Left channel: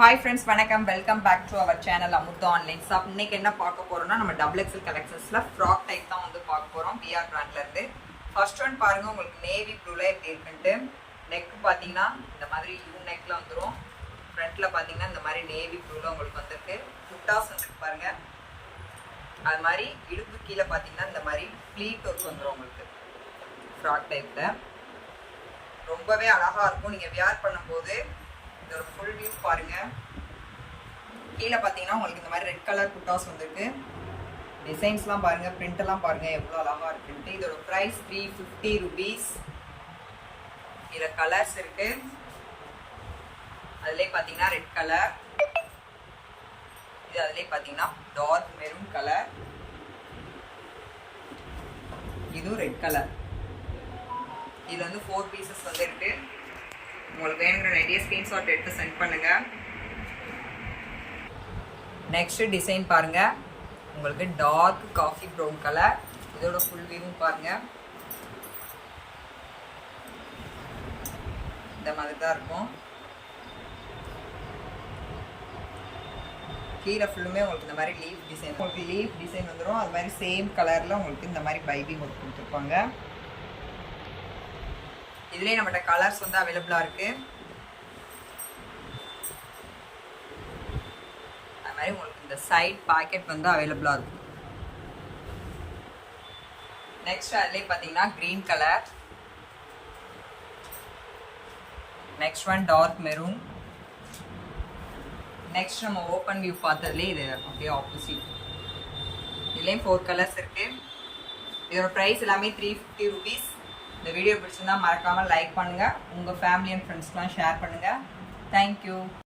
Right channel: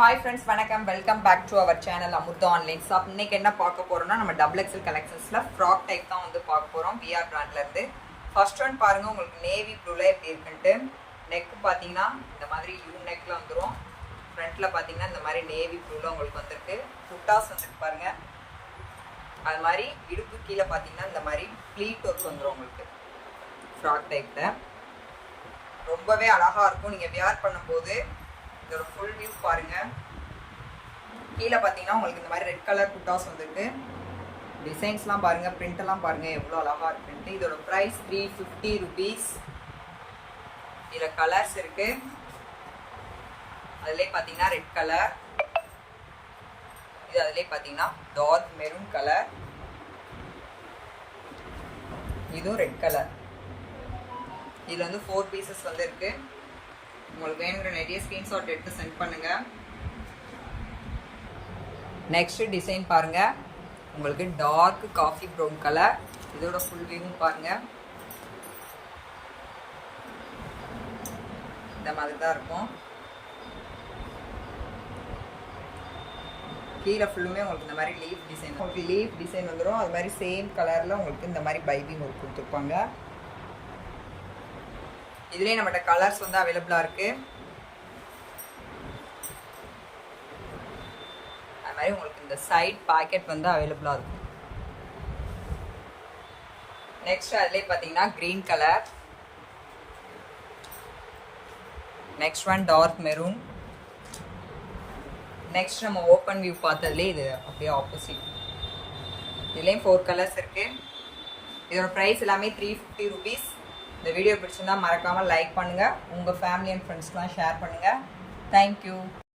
Hi friends, வணக்கம். Welcome back to our channel Amrutha online shop. இன்னைக்கு என்ன பார்க்க போறோம்னா, நம்ம டபுள் எக்ஸல் கலெக்ஷன்ஸ்ல ஃப்ராக் டைப் தான் வந்து பார்க்க போறோம். பிஆர் பிராண்ட்ல இருந்து. ஃபர்ஸ்ட் ஒன் பாருங்க, உங்களுக்கு நேவி ப்ளூல எப்படி இருக்குன்ட்டு. நெக் பாத்தீங்கன்னா இந்த மாதிரி யூ நெக்ல வந்துரும். ஃப்ரண்ட்ல பாத்தீங்கன்னா இந்த மாதிரி நேவி ப்ளூல உங்களுக்கு வந்திருக்கு. புட்டாஸ் வந்து பாருங்க. அது மாதிரி இடுப்பு கீழே பாத்தீங்கன்னா இந்த மாதிரி ப்ளீட் ஒர்க் வந்துரும் உங்களுக்கு. ஃப்ராக் டைப்ல ரொம்பவே அழகா இருக்கும். நீங்க வியர் பண்ணும்போது இதோட ஃபுல் வியூ பாருங்க. கீழே பார்த்தீங்கன்னா உங்களுக்கு இந்த மாதிரி ரெட் கலர் புட்டாஸ் வந்துருக்கு. டிசைன்ஸ்லாம் பாருங்க, பிரிண்ட் எல்லாம் பாருங்க எவ்வளோ அழகா இருக்குன்ட்டு. இதோட ப்ரைஸ் 350 rupees. இதில் கலர்ஸ் இருக்கு. அதுலேயே பார்த்தீங்கன்னா ரெட் கலர், இது அதுலேயே பார்த்தீங்கன்னா டார்க் மெரூன் கலர், இதுவும் ரெட் கலர். இதில் வந்து 4 பீசஸ் வந்து இருக்கு. உங்களுக்கு வேணுங்கிற நிறைய ஸ்கிரீன்ஷாட் எடுத்து சென்ட் பண்ணுங்க. நெக்ஸ்ட் டிசைன் பாருங்க, உங்களுக்கு டார்க் காஃபி ப்ரௌன் கலர். இதோட ஃபுல் வியூவும் பாருங்க. இந்த மாதிரி தான் இருக்கும். கீழே ஃபுல்லுமே உங்களுக்கு இந்த மாதிரி லீஃப் டிசைன், உங்களுக்கு லீஃப் டிசைன் வந்துடும். அது மாதிரி சேம் கலர்ல உங்களுக்கு இந்த மாதிரி பைபிங் ஒர்க் கொடுத்துருப்பாங்க. இதுலேயே நம்மகிட்ட கலர்ஸ் வந்து அவைலபிளாக இருக்கு. அது மாதிரி உங்களுக்கு இந்த சைட் பாக்கெட் வந்து அவைலபிளாக இருக்கும். நெக்ஸ்ட் அதுலேயே பார்த்தீங்கன்னா green colour, next one dark maroon. Next நம்ம ஓப்பன் வியூ பார்த்ததுலேயே இது அப்படியே ஆப்போசிட். இதுலேயும் 4 கலர்ஸ் இருக்கு. இதோட ப்ரைஸ் எல்லாமே 350 rupees. இந்த வீடியோ பிடிச்சிருந்தா மறக்காமல் லைக் பண்ணுங்கள். உங்கள் ஃபேமிலி அண்ட் ஃப்ரெண்ட்ஸ்லாம் ஷேர் பண்ணுங்கள். தேங்க்யூ.